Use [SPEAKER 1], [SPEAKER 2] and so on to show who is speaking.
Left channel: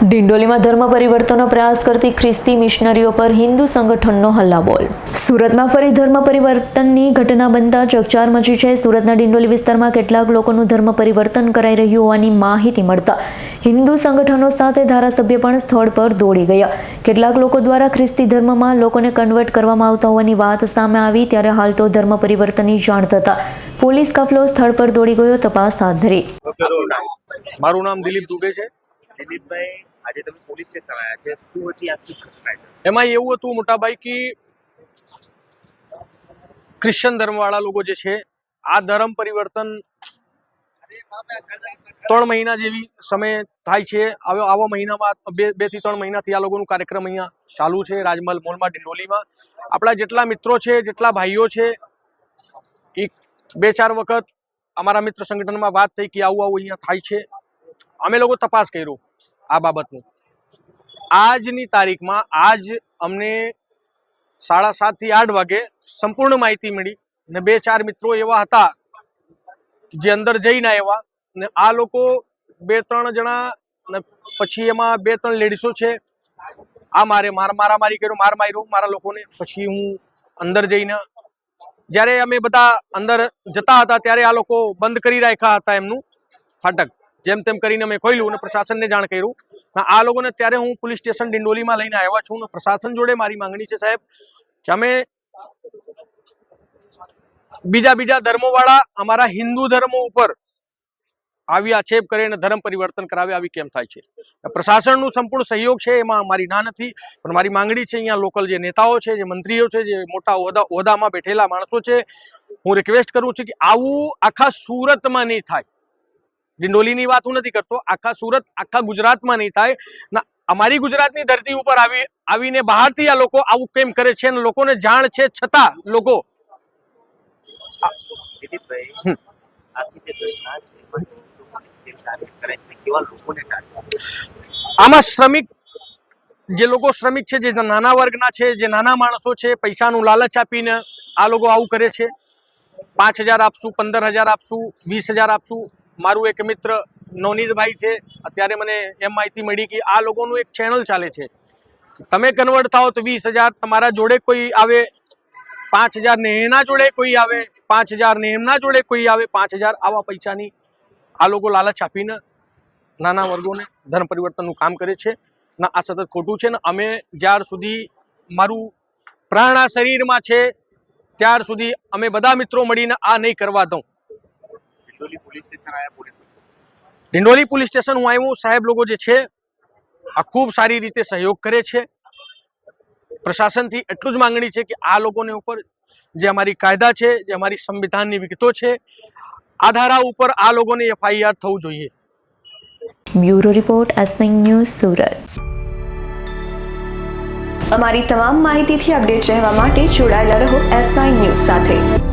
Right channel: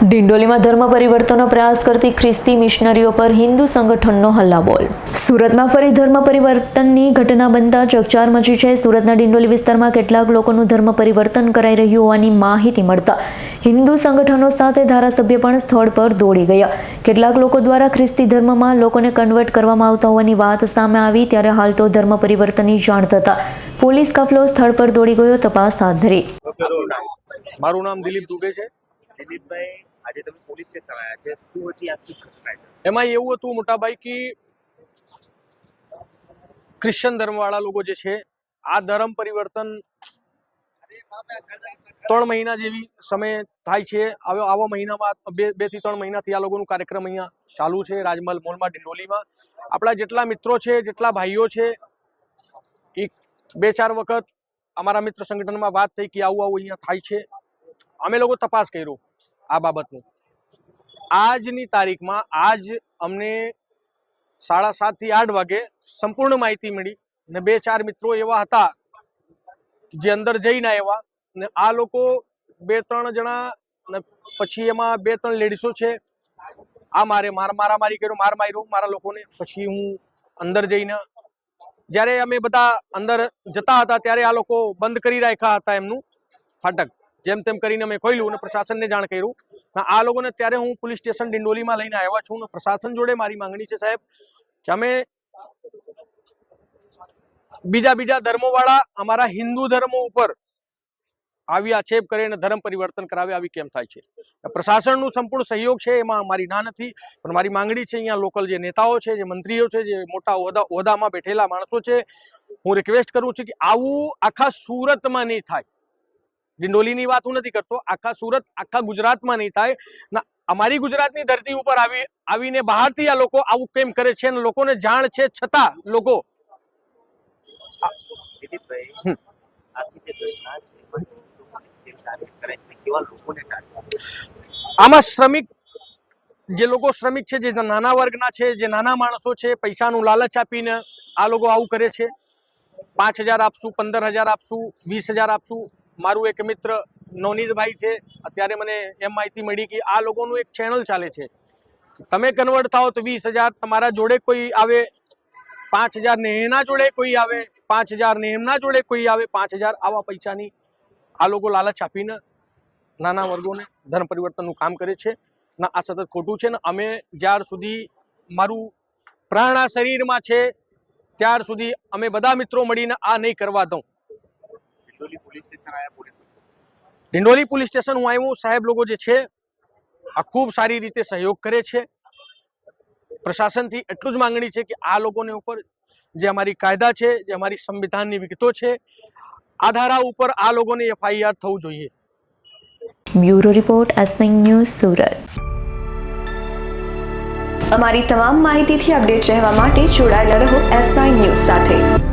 [SPEAKER 1] ડિંડોલીમાં ધર્મ પરિવર્તનનો પ્રયાસ કરતી ખ્રિસ્તી મિશનરીઓ પર હિન્દુ સંગઠનનો હલ્લાબોલ. સુરતમાં ફરી ધર્મ પરિવર્તનની ઘટના બનતા ચકચાર મચી છે. સુરતના ડિંડોલી વિસ્તારમાં કેટલાક લોકોનું ધર્મ પરિવર્તન કરાઈ રહ્યું હોવાની માહિતી મળતા હિન્દુ સંગઠનો સાથે ધારાસભ્ય પણ સ્થળ પર દોડી ગયા. કેટલાક લોકો દ્વારા ખ્રિસ્તી ધર્મમાં લોકોને કન્વર્ટ કરવામાં આવતા હોવાની વાત સામે આવી, ત્યારે હાલ તો ધર્મ પરિવર્તનની જાણ થતા પોલીસ કાફલો સ્થળ પર દોડી ગયો, તપાસ હાથ ધરી.
[SPEAKER 2] મારું નામ દિલીપ દુબે છે.
[SPEAKER 3] દિલીપભાઈ, આજે તમે પોલીસ સ્ટેશન આવ્યા છે. શું હતી આખી ઘટના?
[SPEAKER 2] એમાં એવું હતું મોટાભાઈ કે ક્રિશ્ચન ધર્મવાળા લોકો જે છે, આ ધર્મ પરિવર્તન ત્રણ મહિના જેવી સમય થાય છે. હવે આવા મહિનામાં બે બેથી ત્રણ મહિનાથી આ લોકોનું કાર્યક્રમ અહીંયા ચાલુ છે, રાજમહલ મોલમાં ડિંડોલીમાં આપણા જેટલા મિત્રો છે, જેટલા ભાઈઓ છે, એક, બે, ચાર વખત અમારા મિત્ર સંગઠનમાં વાત થઈ કે આવું આવું અહીંયા થાય છે. અમે લોકો તપાસ કર્યો. આ બાબતનું આજની તારીખમાં આજ અમને સાડા સાતથી આઠ વાગે સંપૂર્ણ માહિતી મળી ને બે ચાર મિત્રો એવા હતા જે અંદર જઈને આવ્યા ને આ લોકો બે ત્રણ જણા ને પછી એમાં બે ત્રણ લેડીસો છે. આ મારે માર મારા કર્યો, માર માર્યો, મારા લોકોને પછી હું અંદર જઈને જ્યારે અમે બધા અંદર જતા હતા ત્યારે આ લોકો બંધ કરી રાખ્યા હતા એમનું ફાટક. જેમ તેમ કરીને અમે ખોલ્યું અને પ્રશાસનને જાણ કર્યું. આ લોકોને ત્યારે હું પોલીસ સ્ટેશન ડિંડોલીમાં લઈને આવ્યા છું પ્રશાસન જોડે મારી માંગણી છે, સાહેબ, કે અમે બીજા બીજા ધર્મોવાળા અમારા હિન્દુ ધર્મો ઉપર આવી આક્ષેપ કરે અને ધર્મ પરિવર્તન કરાવે આવી કેમ થાય છે? પ્રશાસનનું સંપૂર્ણ સહયોગ છે, એમાં મારી ના નથી, પણ મારી માંગણી છે, અહીંયા લોકલ જે નેતાઓ છે, જે મંત્રીઓ છે, જે મોટા હોદ્દા હોદ્દામાં બેઠેલા માણસો છે, હું રિક્વેસ્ટ કરું છું કે આવું આખા સુરતમાં નહીં થાય. ડિંડોલીની વાત હું નથી કરતો. આખા સુરત આખા ગુજરાતમાં નહીં થાય. ના અમારી ગુજરાતની ધરતી ઉપર આવી આવીને બહારથી આ લોકો આવું કેમ કરે છે અને લોકોને જાણ છે છતાં લોકો. આમાં શ્રમિક જે લોકો શ્રમિક છે જે નાના વર્ગના છે જે નાના માણસો છે પૈસાનું લાલચ આપીને આ લોકો આવું કરે છે. પાંચ હજાર આપશું પંદર હજાર આપશું વીસ હજાર આપશું. મારું એક મિત્ર નોનીતભાઈ છે. અત્યારે મને એમ માહિતી મળી કે આ લોકોનું એક ચેનલ ચાલે છે. તમે કન્વર્ટ થાઓ તો વીસ હજાર તમારા જોડે કોઈ આવે, પાંચ હજાર ને એના જોડે કોઈ આવે, પાંચ હજાર ને એમના જોડે કોઈ આવે, પાંચ હજાર આવા પૈસાની આ લોકો લાલચ આપીને નાના વર્ગોને ધર્મ પરિવર્તનનું કામ કરે છે. ના આ સતત ખોટું છે ને અમે જ્યાર સુધી મારું પ્રાણ આ શરીરમાં છે, ત્યાર સુધી અમે બધા મિત્રો મળીને આ નહીં કરવા દઉં. ડિંડોલી પોલીસ સ્ટેશન હું આવ્યું, સાહેબ લોકો જે છે, આ ખૂબ સારી રીતે સહયોગ કરે છે. પ્રશાસનથી એટલું જ માંગણી છે કે આ લોકોને ઉપર જે અમારી કાયદા છે, જે અમારી સંવિધાનની વિગતો છે, આ ધારા ઉપર આ લોકોને એફઆઈઆર થવું જોઈએ.
[SPEAKER 1] Bureau report S news Surat.
[SPEAKER 4] અમારી તમામ માહિતીથી અપડેટ રહેવા માટે જોડાયેલા રહો એસ નાઇન ન્યૂઝ સાથે.